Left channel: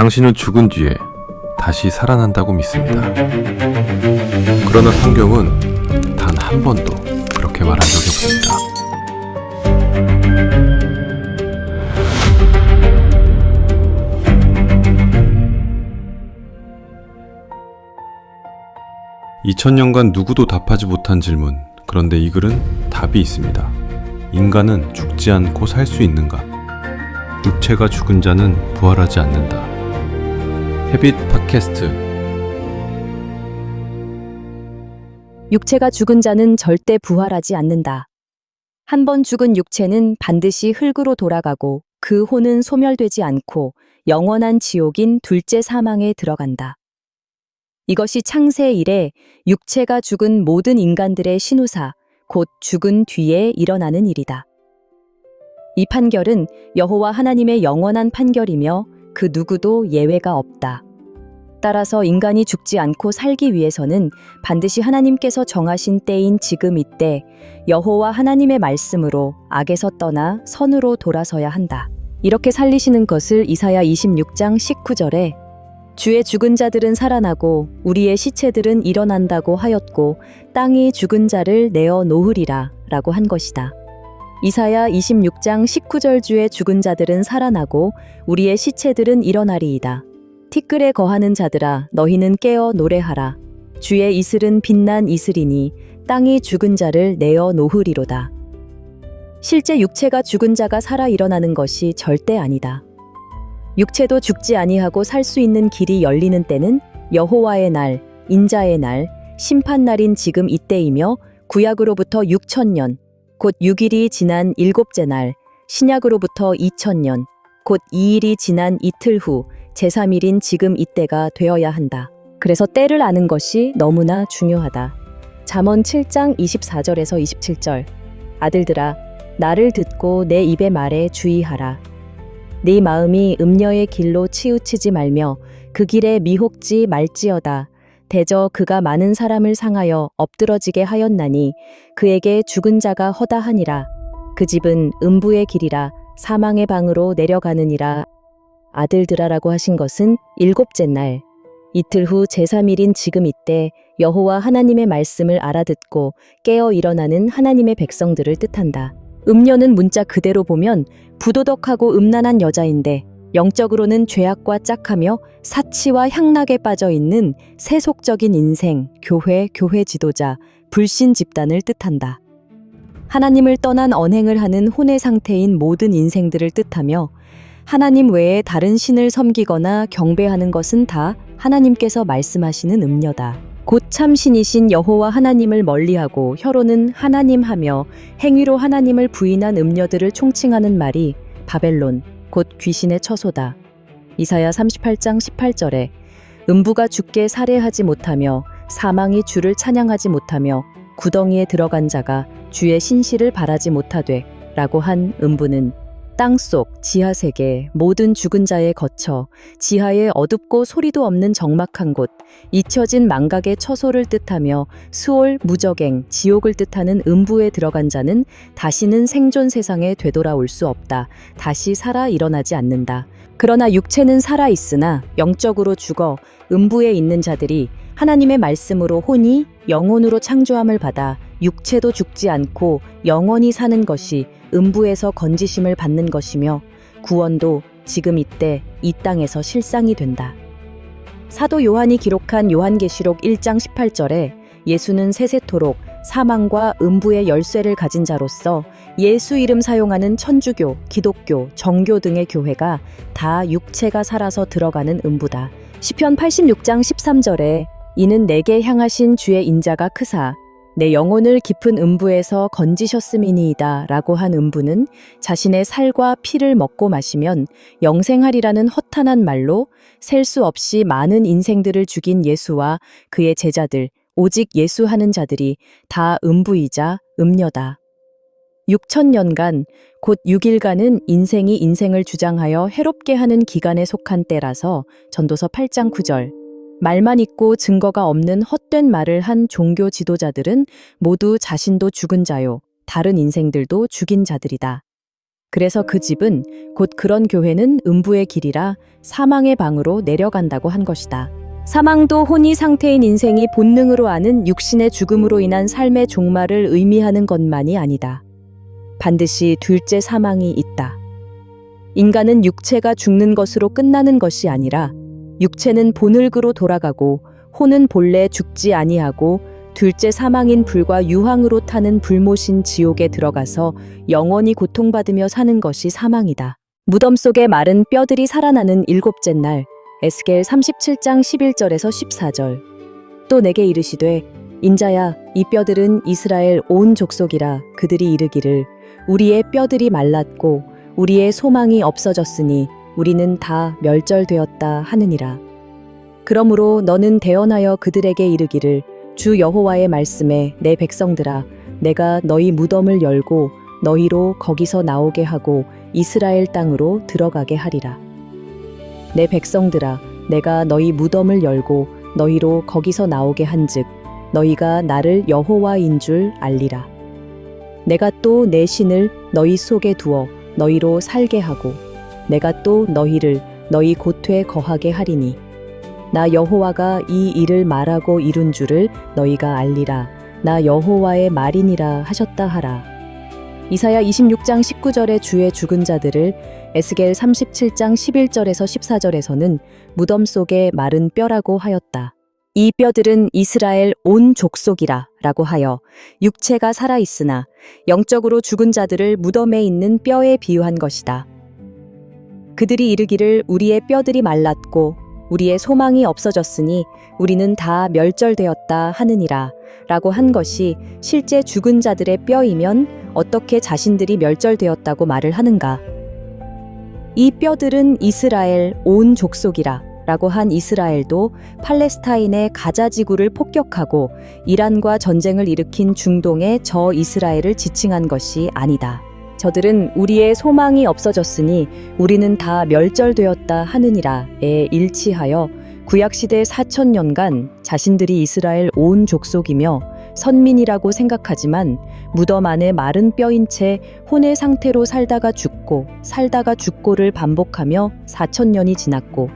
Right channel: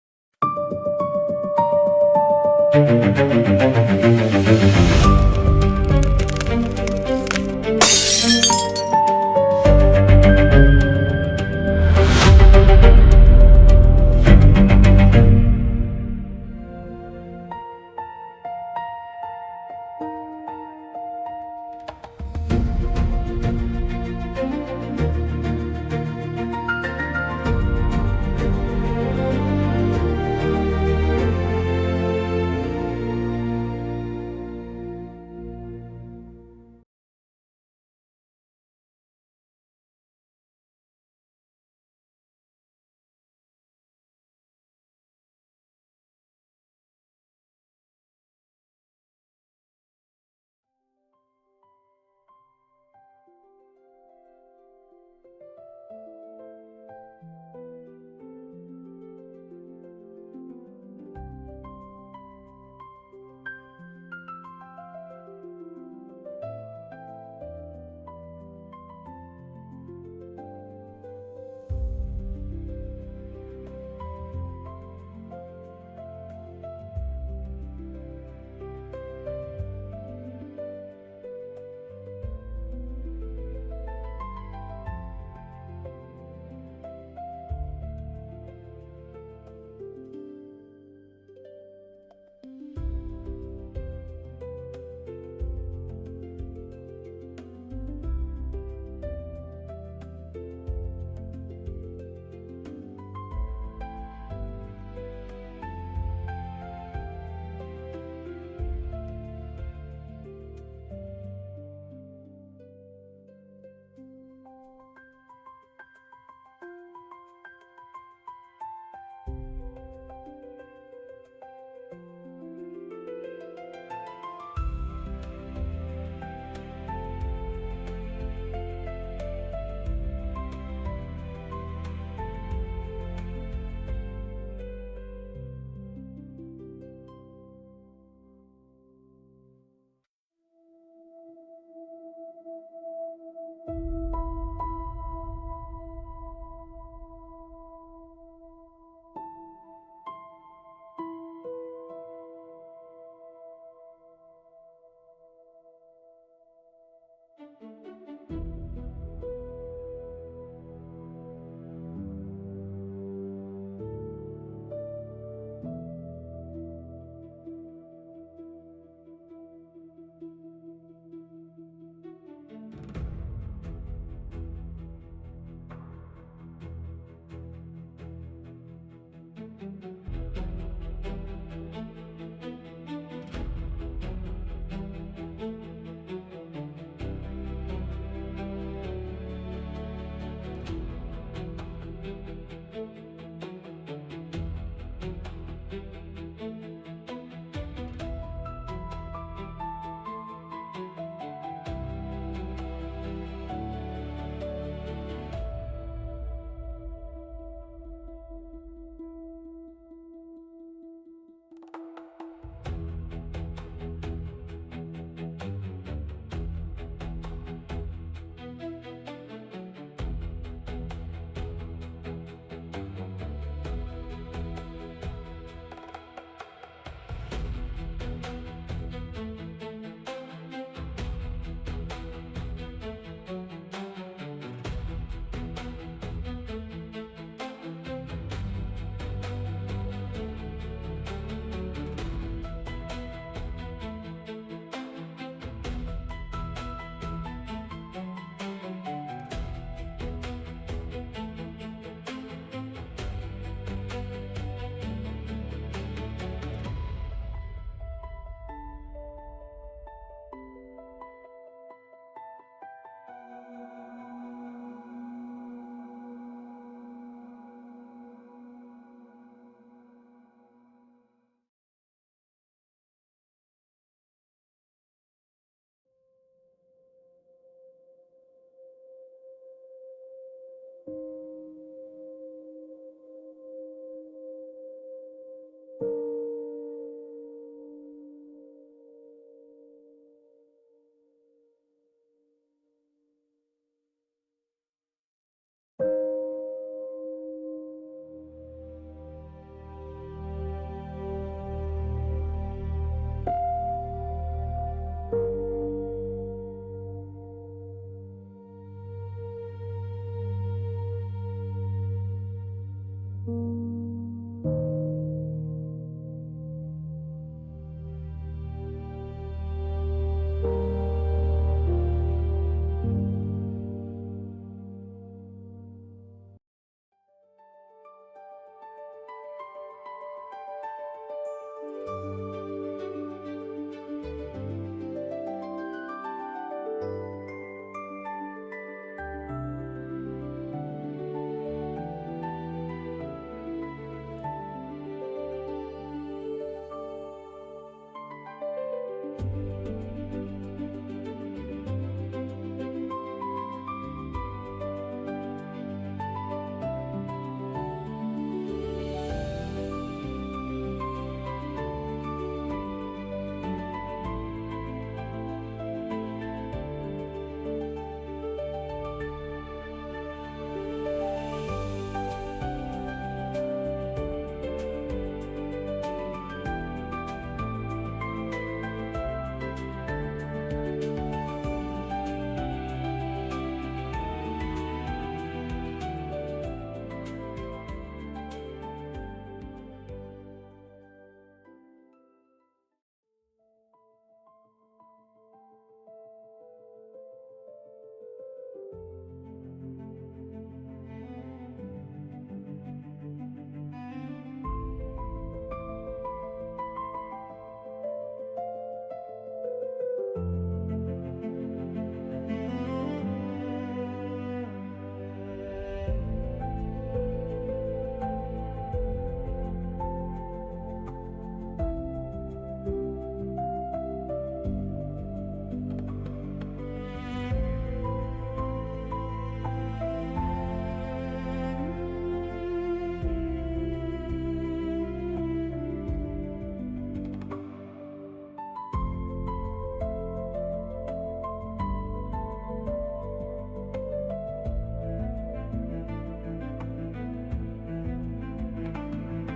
당신은 죽은 뒤에 다시 살아난다고 믿습니다. 그러나 성경은 단 한 번도 그렇게 말한 적이 없습니다. 2000년간 누구도 답하지 못한 질문. 그런데 이 글은 답이 있습니다. 인간은 죽지 않고 살 수 있는가? 육체가 죽은 자는 부활하지 않는다. 헤빗 팟캐스트. 육체가 죽은 자는 절대 부활하지 않는다. 한 번 죽은 육체는 반드시 흙으로 돌아가고 그 혼은 소멸되지 않고 영원한 지옥인 둘째 사망에 들어간다. 이것이 창세 이래 육체가 죽은 모든 인간들의 신우사, 곧 죽은 뒤에 일어나는 일이다. 이 판결은 여호와 하나님의 영원한 판결이며 그 누구도 예외가 없다. 따라서 인간이 죽지 않고 살기 위해서는 반드시 하나님께서 정하신 때인 지금 이때 여호와 하나님의 말씀으로 악에서 떠나 선으로 돌아서야 한다. 이렇게 살리시는 것을 이사야 26장 19절에 주의 죽은 자들은 살아나고 우리의 시체들은 일어난다고 하였고 땅이 죽은 자를 내어 놓으리라 라고 한 것이다. 이사야 26장 19절 주의 죽은 자들은 살아나고 우리의 시체들은 일어나리이다. 티끌에 거하는 자들아 너희는 깨어 노래하라. 주의 이슬은 빛난 이슬이니 땅이 죽은 자를 내어 놓으리로다. 실제 육체가 죽은 자가 살아 일어나는 것이 절대 아니다. 육체도 죽지 아니하고 살 수 있는 길이 열리는 때는 여호와의 날, 인자의 날, 심판 날인 지금 이때이며 구약으로부터 6,000년, 곧 6일이 지난 일곱째 날, 신약으로부터 2,000년, 곧 2일이 지난 이틀 후 제3일인 지금 이때가 되어야 한다. 그래서 때를 아는 것이 너무나 중요하다. 잠언 7장 24절에서 27절. 아들들아, 나를 듣고 내 입의 말에 주의하라. 네 마음이 음녀의 길로 치우치지 말며 그 길에 미혹지 말지어다. 대저 그가 많은 사람을 상하여 엎드러지게 하였나니 그에게 죽은 자가 허다하니라. 그 집은 음부의 길이라 사망의 방으로 내려가느니라. 아들들아라고 하신 것은 일곱째 날, 이틀 후 제3일인 지금 이때 여호와 하나님의 말씀을 알아듣고 깨어 일어나는 하나님의 백성들을 뜻한다. 음녀는 문자 그대로 보면 부도덕하고 음란한 여자인데 영적으로는 죄악과 짝하며 사치와 향락에 빠져 있는 세속적인 인생, 교회 지도자, 불신 집단을 뜻한다. 하나님을 떠난 언행을 하는 혼의 상태인 모든 인생들을 뜻하며 하나님 외에 다른 신을 섬기거나 경배하는 것은 다 하나님께서 말씀하시는 음녀다. 곧 참신이신 여호와 하나님을 멀리하고 혀로는 하나님하며 행위로 하나님을 부인한 음녀들을 총칭하는 말이 바벨론, 곧 귀신의 처소다. 이사야 38장 18절에 음부가 주께 살해하지 못하며 사망이 주를 찬양하지 못하며 구덩이에 들어간 자가 주의 신실을 바라지 못하되 라고 한 음부는 땅속 지하세계 모든 죽은 자에 거쳐 지하에 어둡고 소리도 없는 적막한 곳 잊혀진 망각의 처소를 뜻하며 수올 무저갱 지옥을 뜻하는 음부에 들어간 자는 다시는 생존 세상에 되돌아올 수 없다. 다시 살아 일어나지 않는다. 그러나 육체는 살아 있으나 영적으로 죽어 음부에 있는 자들이 하나님의 말씀으로 혼이 영혼으로 창조함을 받아 육체도 죽지 않고 영원히 사는 것이 음부에서 건지심을 받는 것이며 구원도 지금 이때 이 땅에서 실상이 된다. 사도 요한이 기록한 요한계시록 1장 18절에 예수는 세세토록 사망과 음부의 열쇠를 가진 자로서 예수 이름 사용하는 천주교, 기독교, 정교 등의 교회가 다 육체가 살아서 들어가는 음부다. 시편 86장 13절에 이는 내게 향하신 주의 인자가 크사 내 영혼을 깊은 음부에서 건지셨음이니이다 라고 한 음부는 자신의 살과 피를 먹고 마시면 영생하리라는 허탄한 말로 셀 수 없이 많은 인생들을 죽인 예수와 그의 제자들, 오직 예수 하는 자들이 다 음부이자 음녀다. 6,000년간, 곧 6일간은 인생이 인생을 주장하여 해롭게 하는 기간에 속한 때라서 전도서 8장 9절. 말만 있고 증거가 없는 헛된 말을 한 종교 지도자들은 모두 자신도 죽은 자요, 다른 인생들도 죽인 자들이다. 그래서 그 집은 곧 그런 교회는 음부의 길이라 사망의 방으로 내려간다고 한 것이다. 사망도 혼이 상태인 인생이 본능으로 아는 육신의 죽음으로 인한 삶의 종말을 의미하는 것만이 아니다. 반드시 둘째 사망이 있다. 인간은 육체가 죽는 것으로 끝나는 것이 아니라 육체는 본을그로 돌아가고 혼은 본래 죽지 아니하고 둘째 사망인 불과 유황으로 타는 불못인 지옥에 들어가서 영원히 고통받으며 사는 것이 사망이다. 무덤 속에 마른 뼈들이 살아나는 일곱째 날 에스겔 37장 11절에서 14절. 또 내게 이르시되 인자야 이 뼈들은 이스라엘 온 족속이라. 그들이 이르기를 우리의 뼈들이 말랐고 우리의 소망이 없어졌으니 우리는 다 멸절되었다 하느니라. 그러므로 너는 대언하여 그들에게 이르기를 주 여호와의 말씀에 내 백성들아 내가 너희 무덤을 열고 너희로 거기서 나오게 하고 이스라엘 땅으로 들어가게 하리라. 내 백성들아 내가 너희 무덤을 열고 너희로 거기서 나오게 한즉 너희가 나를 여호와인 줄 알리라. 내가 또 내 신을 너희 속에 두어 너희로 살게 하고 내가 또 너희를 너희 고토에 거하게 하리니 나 여호와가 이 일을 말하고 이룬 줄을 너희가 알리라. 나 여호와의 말이니라 하셨다 하라. 이사야 26장 19절에 주의 죽은 자들을 에스겔 37장 11절에서 14절에서는 무덤 속에 마른 뼈라고 하였다. 이 뼈들은 이스라엘 온 족속이라 라고 하여 육체가 살아있으나 영적으로 죽은 자들을 무덤에 있는 뼈에 비유한 것이다. 그들이 이르기를 우리의 뼈들이 말랐고 우리의 소망이 없어졌으니 우리는 다 멸절되었다 하느니라 라고 한 것이 실제 죽은 자들의 뼈이면 어떻게 자신들이 멸절되었다고 말을 하는가? 이 뼈들은 이스라엘 온 족속이라 라고 한 이스라엘도 팔레스타인의 가자 지구를 폭격하고 이란과 전쟁을 일으킨 중동의 저 이스라엘을 지칭한 것이 아니다. 저들은 우리의 소망이 없어졌으니 우리는 다 멸절되었다 하느니라에 일치하여 구약시대 4,000년간 자신들이 이스라엘 온 족속이며 선민이라고 생각하지만 무덤 안에 마른 뼈인 채 혼의 상태로 살다가 죽고를 반복하며 4,000년이 지났고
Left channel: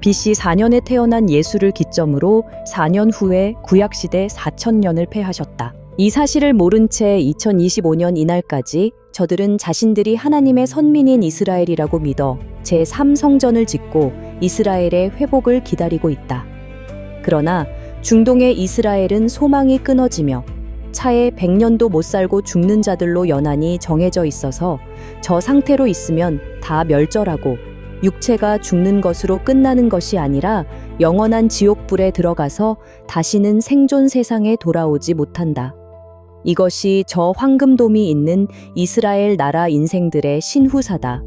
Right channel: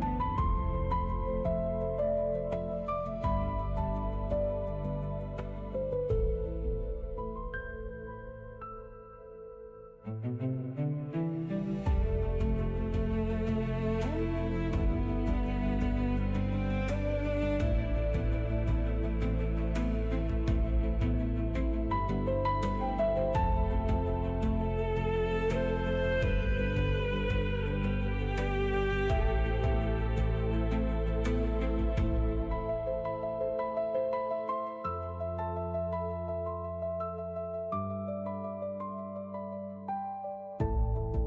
BC 4년에 태어난 예수를 기점으로 4년 후에 구약시대 4,000년을 패하셨다. 이 사실을 모른 채 2025년 이날까지 저들은 자신들이 하나님의 선민인 이스라엘이라고 믿어 제3성전을 짓고 이스라엘의 회복을 기다리고 있다. 그러나 중동의 이스라엘은 소망이 끊어지며 차에 100년도 못 살고 죽는 자들로 연한이 정해져 있어서 저 상태로 있으면 다 멸절하고 육체가 죽는 것으로 끝나는 것이 아니라 영원한 지옥불에 들어가서 다시는 생존 세상에 돌아오지 못한다. 이것이 저 황금돔이 있는 이스라엘 나라 인생들의 신후사다.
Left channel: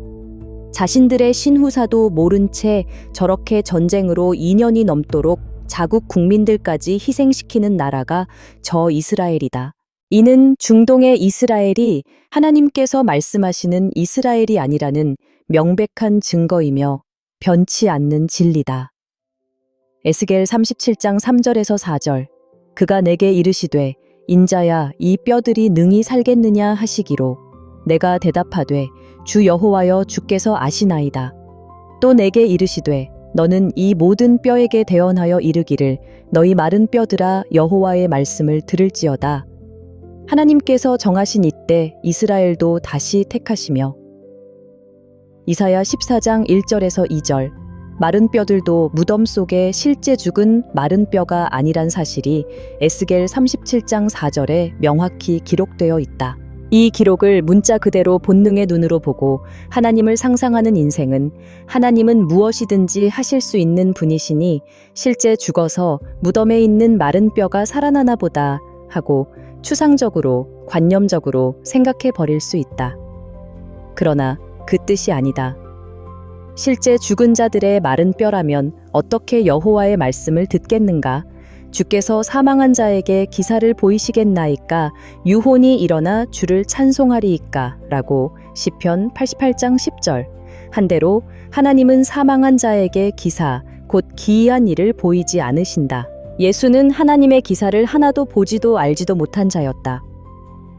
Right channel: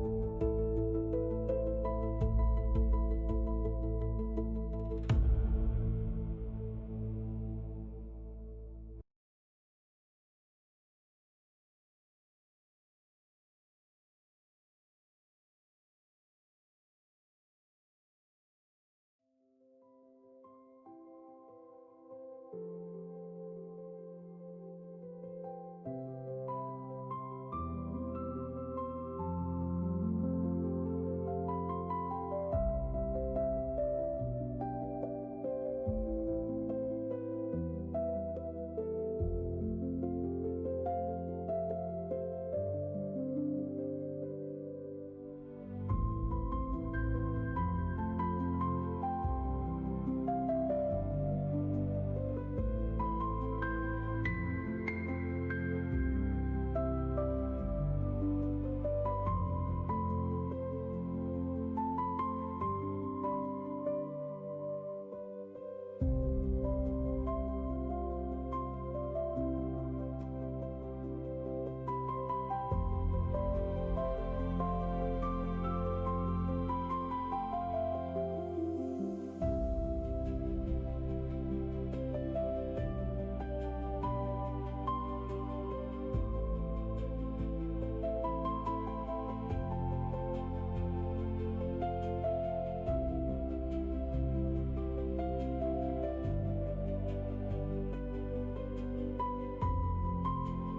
자신들의 신후사도 모른 채 저렇게 전쟁으로 2년이 넘도록 자국 국민들까지 희생시키는 나라가 저 이스라엘이다. 이는 중동의 이스라엘이 하나님께서 말씀하시는 이스라엘이 아니라는 명백한 증거이며 변치 않는 진리다. 에스겔 37장 3절에서 4절. 그가 내게 이르시되 인자야 이 뼈들이 능히 살겠느냐 하시기로 내가 대답하되 주 여호와여 주께서 아시나이다. 또 내게 이르시되 너는 이 모든 뼈에게 대언하여 이르기를 너희 마른 뼈들아 여호와의 말씀을 들을지어다. 하나님께서 정하신 이때 이스라엘도 다시 택하시며 이사야 14장 1절에서 2절. 마른 뼈들도 무덤 속에 실제 죽은 마른 뼈가 아니란 사실이 에스겔 37장 4절에 명확히 기록되어 있다. 이 기록을 문자 그대로 본능의 눈으로 보고 하나님을 상상하는 인생은 하나님은 무엇이든지 하실 수 있는 분이시니 실제 죽어서 무덤에 있는 마른 뼈가 살아나나 보다 하고 추상적으로, 관념적으로 생각해 버릴 수 있다. 그러나 그 뜻이 아니다. 실제 죽은 자들의 마른 뼈라면 어떻게 여호와의 말씀을 듣겠는가? 주께서 사망한 자에게 기사를 보이시겠나이까? 유혼이 일어나 주를 찬송하리이까? 라고 시편 88장 10절. 한대로 하나님은 사망한 자에게 기사, 곧 기이한 일을 보이지 않으신다. 예수는 하나님의 기사를 하나도 보지도 알지도 못한 자였다.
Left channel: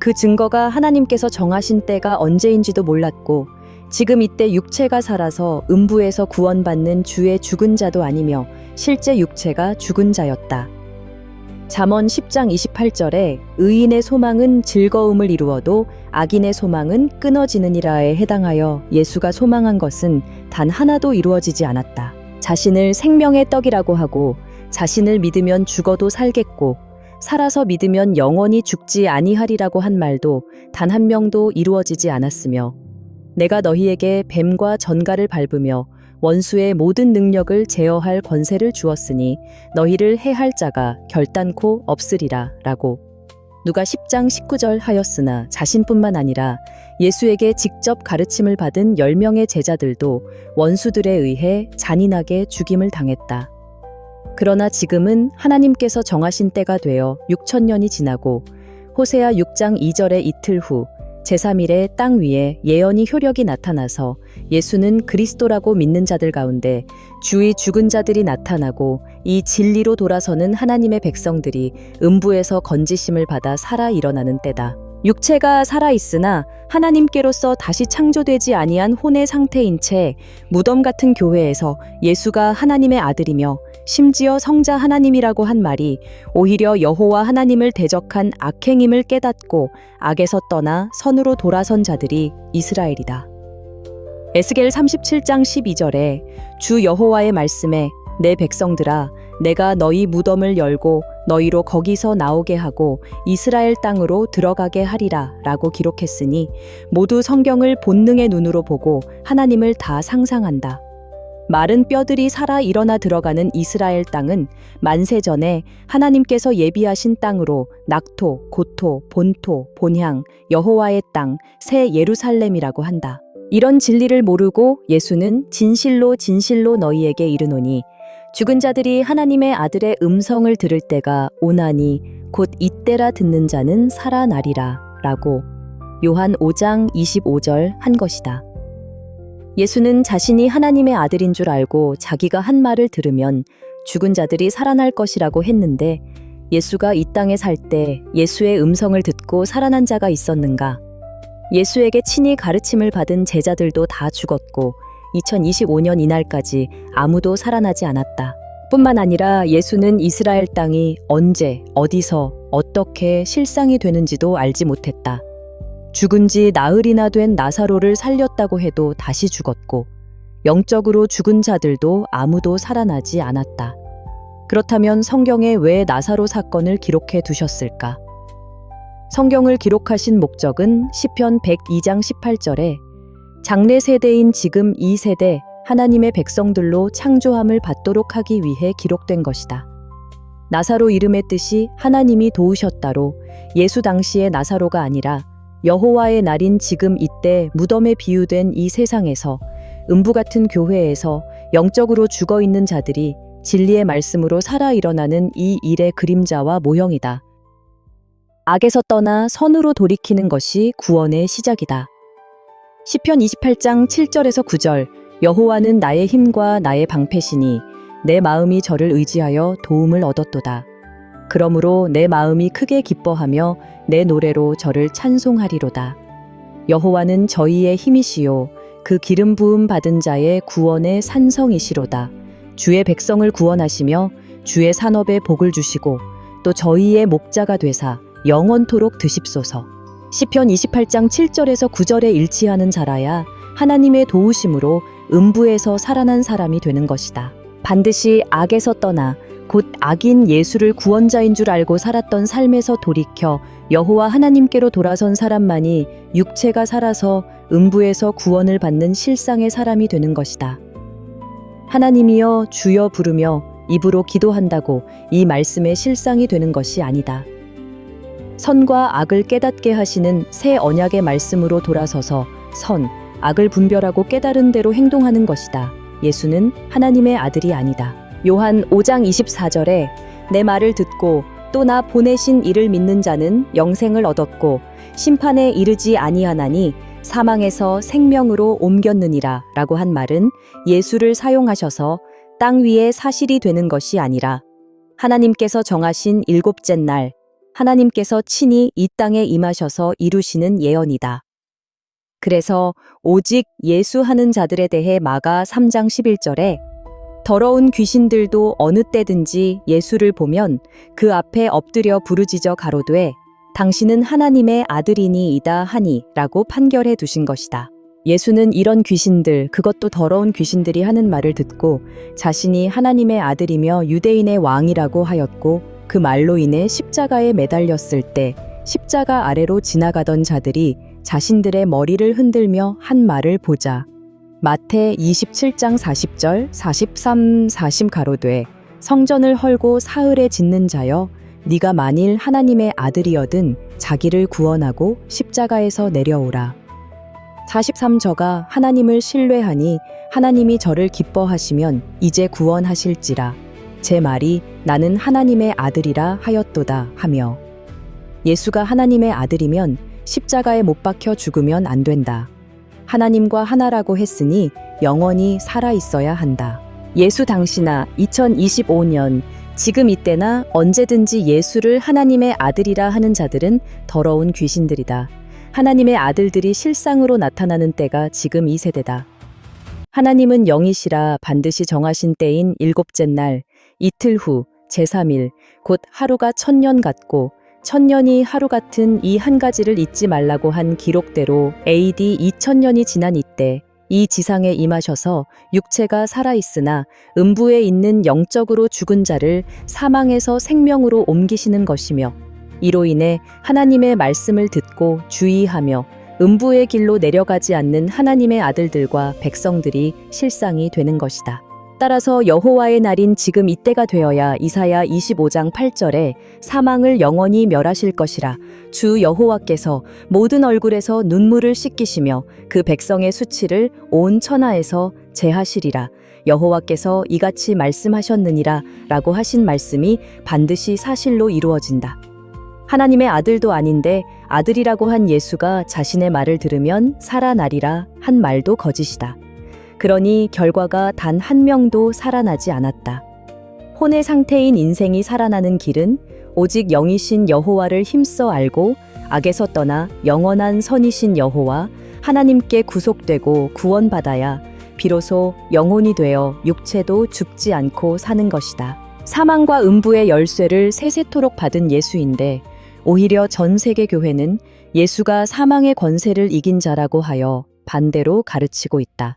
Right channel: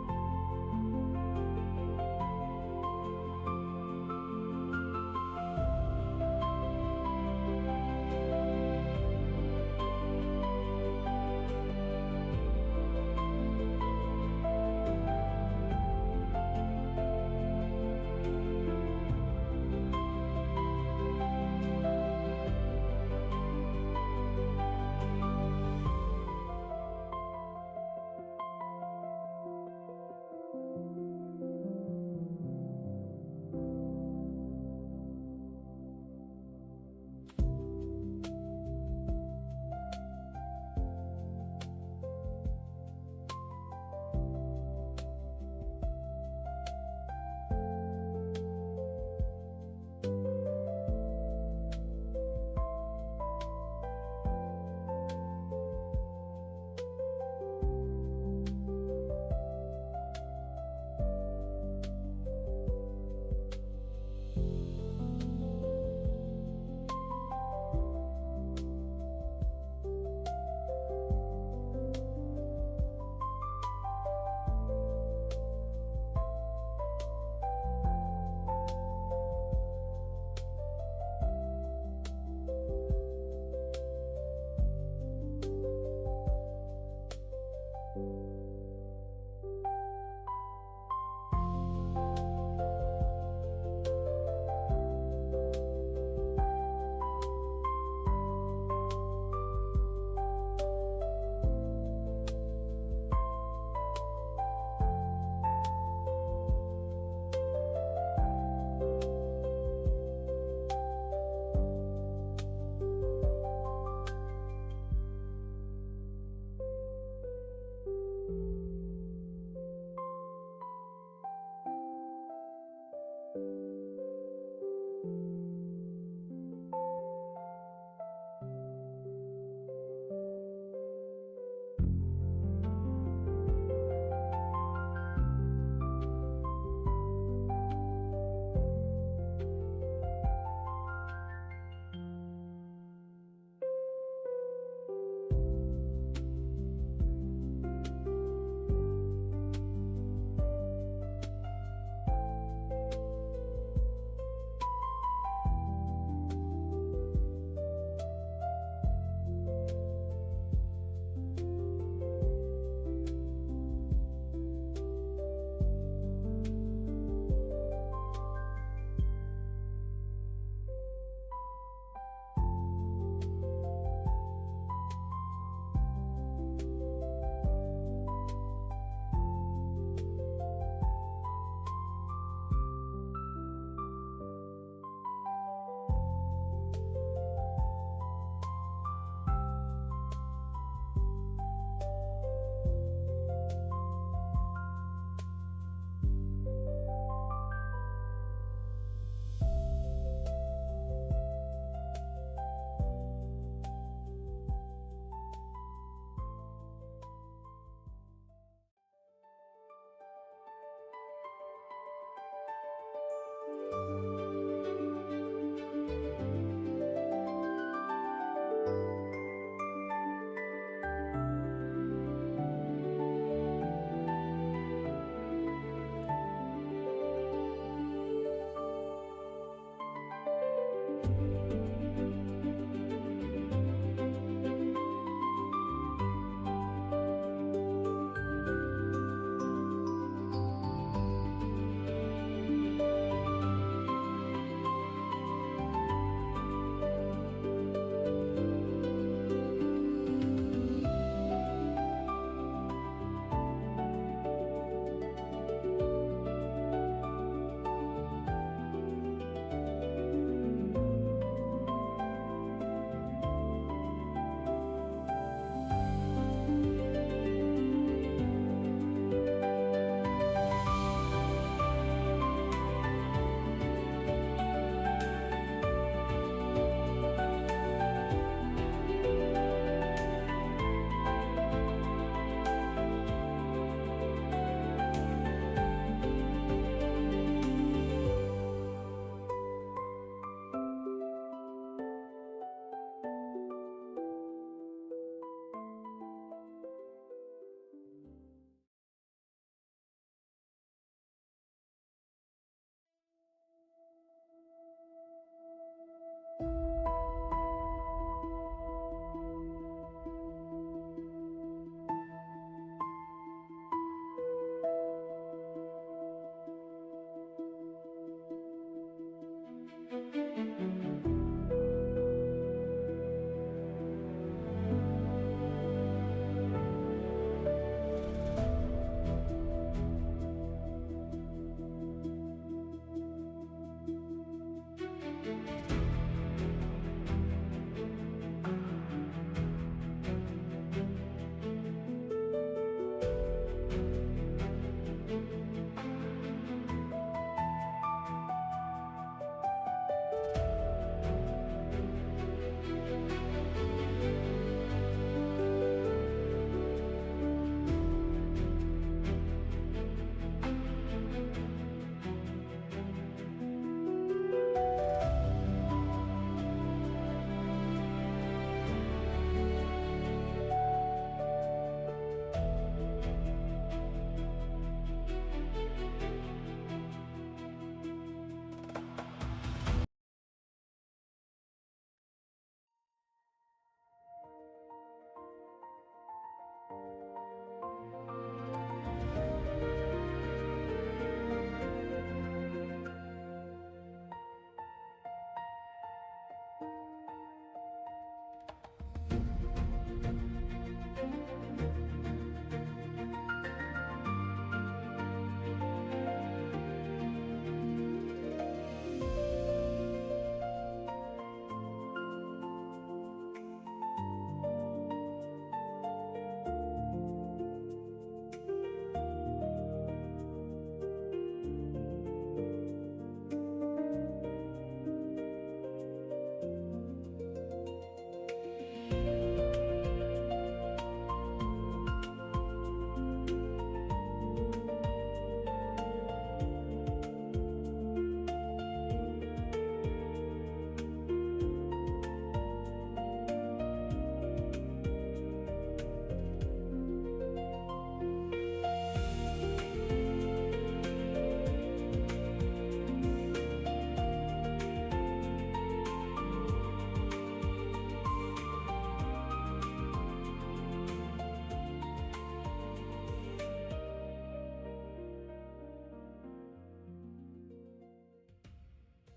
그 증거가 하나님께서 정하신 때가 언제인지도 몰랐고 지금 이때 육체가 살아서 음부에서 구원받는 주의 죽은 자도 아니며 실제 육체가 죽은 자였다. 잠언 10장 28절에 의인의 소망은 즐거움을 이루어도 악인의 소망은 끊어지느니라에 해당하여 예수가 소망한 것은 단 하나도 이루어지지 않았다. 자신을 생명의 떡이라고 하고 자신을 믿으면 죽어도 살겠고 살아서 믿으면 영원히 죽지 아니하리라고 한 말도 단 한 명도 이루어지지 않았으며 내가 너희에게 뱀과 전갈을 밟으며 원수의 모든 능력을 제어할 권세를 주었으니 너희를 해할 자가 결단코 없으리라 라고 누가 10장 19절 하였으나 자신뿐만 아니라 예수에게 직접 가르침을 받은 10명의 제자들도 원수들에 의해 잔인하게 죽임을 당했다. 그러나 지금은 하나님께서 정하신 때가 되어 6천년이 지나고 호세아 6장 2절의 이틀 후 제3일에 땅 위에 예언이 효력이 나타나서 예수는 그리스도라고 믿는 자들 가운데 주의 죽은 자들이 나타나고 이 진리로 돌아서는 하나님의 백성들이 음부에서 건지심을 받아 살아 일어나는 때다. 육체가 살아있으나 하나님께로서 다시 창조되지 아니한 혼의 상태인 채 무덤 같은 교회에서 예수가 하나님의 아들이며 심지어 성자 하나님이라고 한 말이 오히려 여호와 하나님을 대적한 악행임을 깨닫고 악에서 떠나 선으로 돌아선 자들이 이스라엘이다. 에스겔 37장 12절에 주 여호와의 말씀에 내 백성들아 내가 너희 무덤을 열고 너희로 거기서 나오게 하고 이스라엘 땅으로 들어가게 하리라 라고 기록했으니 모두 성경을 본능의 눈으로 보고 하나님을 다 상상한다. 마른 뼈들이 살아 일어나 들어가는 이스라엘 땅은 만세 전에 하나님께서 예비하신 땅으로 낙토, 고토, 본토, 본향, 여호와의 땅, 새 예루살렘이라고 한다. 이런 진리를 모르고 예수는 진실로 진실로 너희에게 이르노니 죽은 자들이 하나님의 아들의 음성을 들을 때가 오나니 곧 이때라 듣는 자는 살아나리라 라고 요한 5장 25절 한 것이다. 예수는 자신이 하나님의 아들인 줄 알고 자기가 한 말을 들으면 죽은 자들이 살아날 것이라고 했는데 예수가 이 땅에 살 때 예수의 음성을 듣고 살아난 자가 있었는가? 예수에게 친히 가르침을 받은 제자들도 다 죽었고 2025년 이날까지 아무도 살아나지 않았다. 뿐만 아니라 예수는 이스라엘 땅이 언제, 어디서, 어떻게 실상이 되는지도 알지 못했다. 죽은 지 나흘이나 된 나사로를 살렸다고 해도 다시 죽었고 영적으로 죽은 자들도 아무도 살아나지 않았다. 그렇다면 성경에 왜 나사로 사건을 기록해 두셨을까? 성경을 기록하신 목적은 시편 102장 18절에 장래 세대인 지금 이 세대 하나님의 백성들로 창조함을 받도록 하기 위해 기록된 것이다. 나사로 이름의 뜻이 하나님이 도우셨다로 예수 당시의 나사로가 아니라 여호와의 날인 지금 이때 무덤에 비유된 이 세상에서 음부 같은 교회에서 영적으로 죽어 있는 자들이 진리의 말씀으로 살아 일어나는 이 일의 그림자와 모형이다. 악에서 떠나 선으로 돌이키는 것이 구원의 시작이다. 시편 28장 7절에서 9절 여호와는 나의 힘과 나의 방패시니 내 마음이 저를 의지하여 도움을 얻었도다. 그러므로 내 마음이 크게 기뻐하며 내 노래로 저를 찬송하리로다. 여호와는 저희의 힘이시요 그 기름 부음 받은 자의 구원의 산성이시로다. 주의 백성을 구원하시며 주의 산업에 복을 주시고 또 저희의 목자가 되사 영원토록 드십소서. 시편 28장 7절에서 9절에 일치하는 자라야 하나님의 도우심으로 음부에서 살아난 사람이 되는 것이다. 반드시 악에서 떠나 곧 악인 예수를 구원자인 줄 알고 살았던 삶에서 돌이켜 여호와 하나님께로 돌아선 사람만이 육체가 살아서 음부에서 구원을 받는 실상의 사람이 되는 것이다. 하나님이여 주여 부르며 입으로 기도한다고 이 말씀의 실상이 되는 것이 아니다. 선과 악을 깨닫게 하시는 새 언약의 말씀으로 돌아서서 선, 악을 분별하고 깨달은 대로 행동하는 것이다. 예수는 하나님의 아들이 아니다. 요한 5장 24절에 내 말을 듣고 또 나 보내신 이를 믿는 자는 영생을 얻었고 심판에 이르지 아니하나니 사망에서 생명으로 옮겼느니라 라고 한 말은 예수를 사용하셔서 땅 위에 사실이 되는 것이 아니라 하나님께서 정하신 일곱째 날 하나님께서 친히 이 땅에 임하셔서 이루시는 예언이다. 그래서 오직 예수하는 자들에 대해 마가 3장 11절에 더러운 귀신들도 어느 때든지 예수를 보면 그 앞에 엎드려 부르짖어 가로되 당신은 하나님의 아들이니이다 하니 라고 판결해 두신 것이다. 예수는 이런 귀신들, 그것도 더러운 귀신들이 하는 말을 듣고 자신이 하나님의 아들이며 유대인의 왕이라고 하였고 그 말로 인해 십자가에 매달렸을 때 십자가 아래로 지나가던 자들이 자신들의 머리를 흔들며 한 말을 보자. 마태 27장 40절 43, 40 가로되 성전을 헐고 사흘에 짓는 자여 네가 만일 하나님의 아들이여든 자기를 구원하고 십자가에서 내려오라. 43 저가 하나님을 신뢰하니 하나님이 저를 기뻐하시면 이제 구원하실지라. 제 말이 나는 하나님의 아들이라 하였도다 하며 예수가 하나님의 아들이면 십자가에 못 박혀 죽으면 안 된다. 하나님과 하나라고 했으니 영원히 살아 있어야 한다. 예수 당시나 2025년 지금 이때나 언제든지 예수를 하나님의 아들이라 하는 자들은 더러운 귀신들이다. 하나님의 아들들이 실상으로 나타나는 때가 지금 이 세대다. 하나님은 영이시라 반드시 정하신 때인 일곱째 날 이틀 후 제3일 곧 하루가 1000년 같고 1000년이 하루 같은 이 한 가지를 잊지 말라고 한 기록대로 AD 2000년이 지난 이때 이 지상에 임하셔서 육체가 살아있으나 음부에 있는 영적으로 죽은 자를 사망에서 생명으로 옮기시는 것이며 이로 인해 하나님의 말씀을 듣고 주의하며 음부의 길로 내려가지 않는 하나님의 아들들과 백성들이 실상이 되는 것이다. 따라서 여호와의 날인 지금 이때가 되어야 이사야 25장 8절에 사망을 영원히 멸하실 것이라 주 여호와께서 모든 얼굴에서 눈물을 씻기시며 그 백성의 수치를 온 천하에서 제하시리라. 여호와께서 이같이 말씀하셨느니라 라고 하신 말씀이 반드시 사실로 이루어진다. 하나님의 아들도 아닌데 아들이라고 한 예수가 자신의 말을 들으면 살아나리라 한 말도 거짓이다. 그러니 결과가 단 한 명도 살아나지 않았다. 혼의 상태인 인생이 살아나는 길은 오직 영이신 여호와를 힘써 알고 악에서 떠나 영원한 선이신 여호와 하나님께 구속되고 구원받아야 비로소 영혼이 되어 육체도 죽지 않고 사는 것이다. 사망과 음부의 열쇠를 세세토록 받은 예수인데 오히려 전 세계 교회는 예수가 사망의 권세를 이긴 자라고 하여 반대로 가르치고 있다.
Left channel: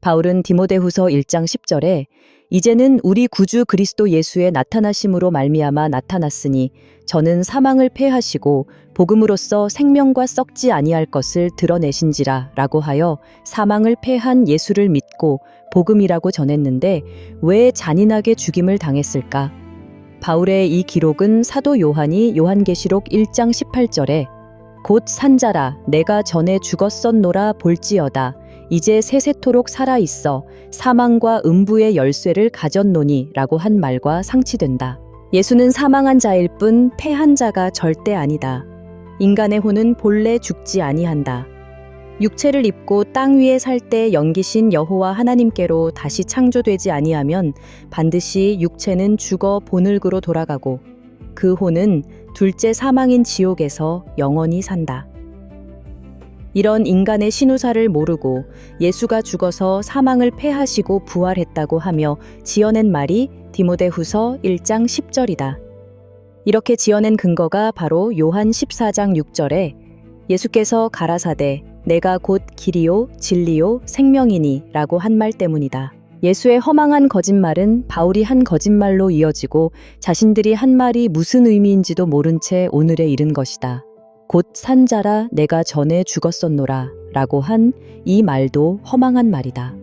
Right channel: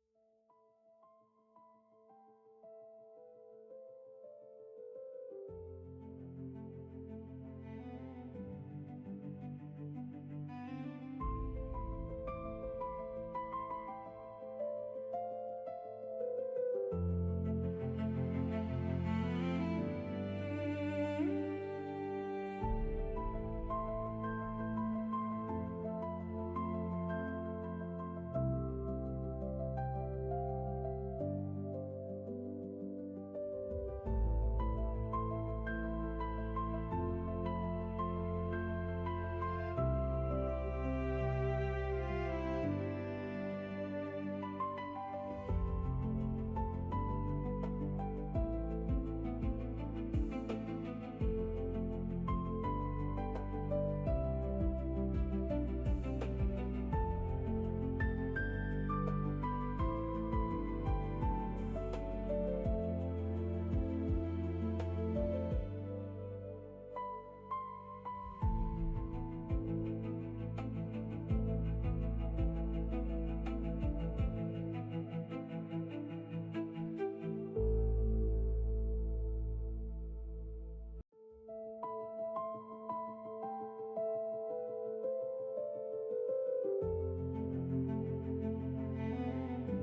바울은 디모데후서 1장 10절에 이제는 우리 구주 그리스도 예수의 나타나심으로 말미암아 나타났으니 저는 사망을 패하시고 복음으로써 생명과 썩지 아니할 것을 드러내신지라 라고 하여 사망을 패한 예수를 믿고 복음이라고 전했는데 왜 잔인하게 죽임을 당했을까? 바울의 이 기록은 사도 요한이 요한계시록 1장 18절에 곧 산자라 내가 전에 죽었었노라 볼지어다 이제 세세토록 살아있어 사망과 음부의 열쇠를 가졌노니 라고 한 말과 상치된다. 예수는 사망한 자일 뿐 패한 자가 절대 아니다. 인간의 혼은 본래 죽지 아니한다. 육체를 입고 땅 위에 살 때 영기신 여호와 하나님께로 다시 창조되지 아니하면 반드시 육체는 죽어 본흙으로 돌아가고 그 혼은 둘째 사망인 지옥에서 영원히 산다. 이런 인간의 신우사를 모르고 예수가 죽어서 사망을 패하시고 부활했다고 하며 지어낸 말이 디모데후서 1장 10절이다. 이렇게 지어낸 근거가 바로 요한 14장 6절에 예수께서 가라사대 내가 곧 길이요 진리요 생명이니 라고 한 말 때문이다. 예수의 허망한 거짓말은 바울이 한 거짓말로 이어지고 자신들이 한 말이 무슨 의미인지도 모른 채 오늘에 이른 것이다. 곧 산자라 내가 전에 죽었었노라 라고 한 이 말도 허망한 말이다.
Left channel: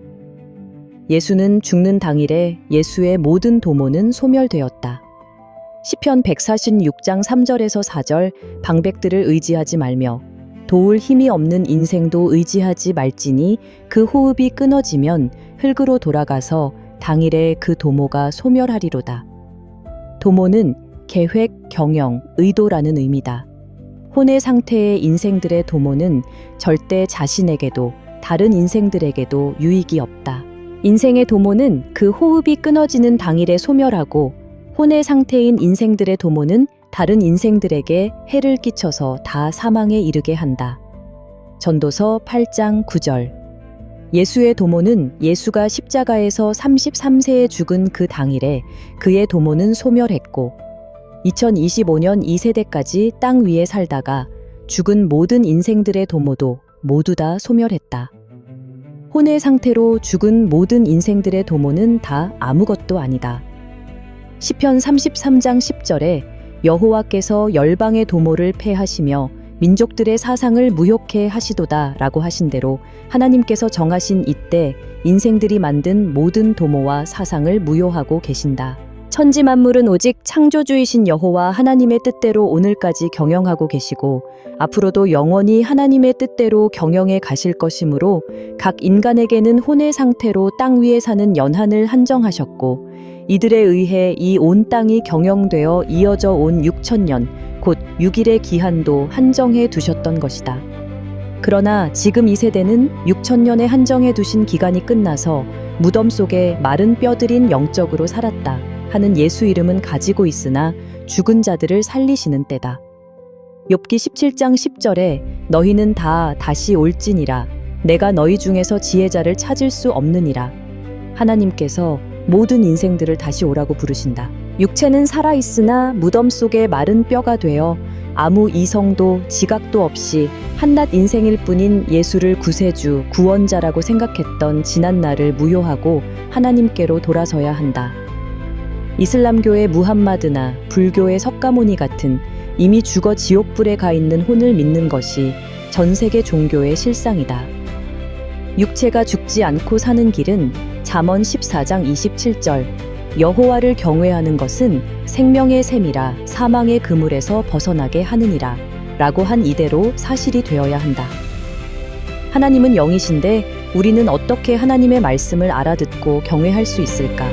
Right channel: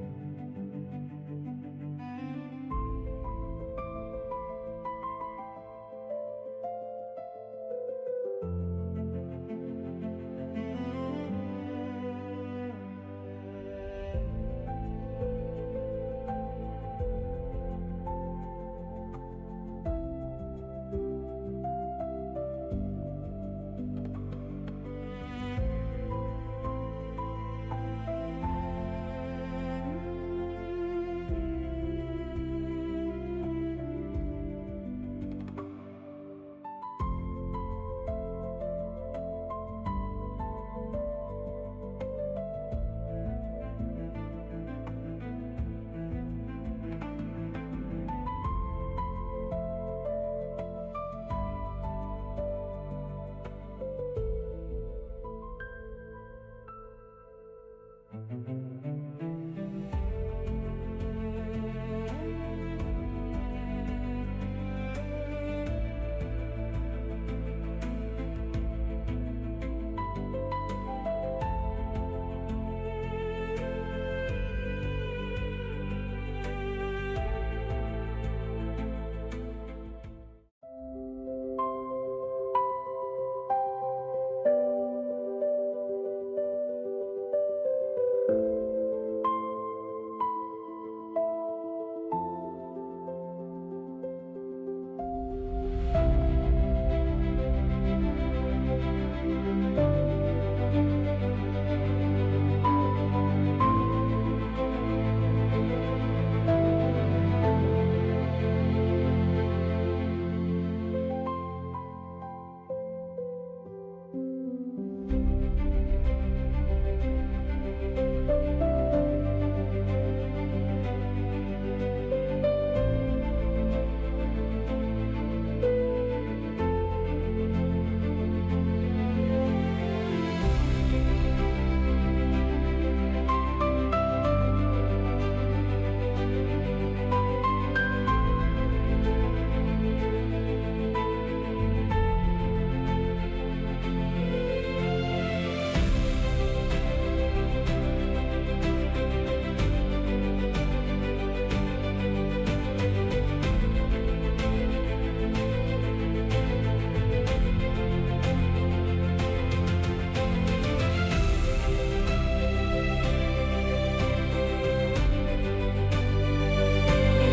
예수는 죽는 당일에 예수의 모든 도모는 소멸되었다. 시편 146장 3절에서 4절 방백들을 의지하지 말며 도울 힘이 없는 인생도 의지하지 말지니 그 호흡이 끊어지면 흙으로 돌아가서 당일에 그 도모가 소멸하리로다. 도모는 계획, 경영, 의도라는 의미다. 혼의 상태의 인생들의 도모는 절대 자신에게도 다른 인생들에게도 유익이 없다. 인생의 도모는 그 호흡이 끊어지는 당일에 소멸하고 혼의 상태인 인생들의 도모는 다른 인생들에게 해를 끼쳐서 다 사망에 이르게 한다. 전도서 8장 9절. 예수의 도모는 예수가 십자가에서 33세에 죽은 그 당일에 그의 도모는 소멸했고 2025년 2세대까지 땅 위에 살다가 죽은 모든 인생들의 도모도 모두 다 소멸했다. 혼의 상태로 죽은 모든 인생들의 도모는 다 아무것도 아니다. 시편 33장 10절에 여호와께서 열방의 도모를 패하시며 민족들의 사상을 무효케 하시도다 라고 하신 대로 하나님께서 정하신 이때 인생들이 만든 모든 도모와 사상을 무효하고 계신다. 천지 만물은 오직 창조주이신 여호와 하나님의 뜻대로 오늘까지 경영하고 계시고 앞으로도 영원히 하나님의 뜻대로 경영해 가실 것이므로 각 인간에게는 혼의 상태로 땅 위에 사는 연한을 한정하셨고 이들에 의해 이 온 땅이 경영되어 이어져 온 6천년 곧 6일의 기한도 한정해 두셨던 것이다. 그러나 지금 이 세대는 6천년에 한정해 두신 기간이 끝나서 무덤 속에 마른 뼈들인 영적으로 살았다 하는 예수 이름은 가지고 있으나 죽은 자들을 살리시는 때다. 욥기 17장 10절에 너희는 다 다시 올지니라 내가 너희 중에서 지혜자를 찾을 수 없느니라. 하나님께서 모든 인생들을 다시 오라고 부르신다. 육체는 살아있으나 무덤 속에 마른 뼈가 되어 아무 이성도 지각도 없이 한낱 인생일 뿐인 예수를 구세주, 구원자라고 생각했던 지난 날을 무효하고 하나님께로 돌아서야 한다. 이슬람교의 무함마드나 불교의 석가모니 같은 이미 죽어 지옥불에 가 있는 혼을 믿는 것이 전 세계 종교의 실상이다. 육체가 죽지 않고 사는 길은 잠언 14장 27절 여호와를 경외하는 것은 생명의 샘이라 사망의 그물에서 벗어나게 하느니라 라고 한 이대로 사실이 되어야 한다. 하나님은 영이신데 우리는 어떻게 하나님의 말씀을 알아듣고 경외할 수 있을까?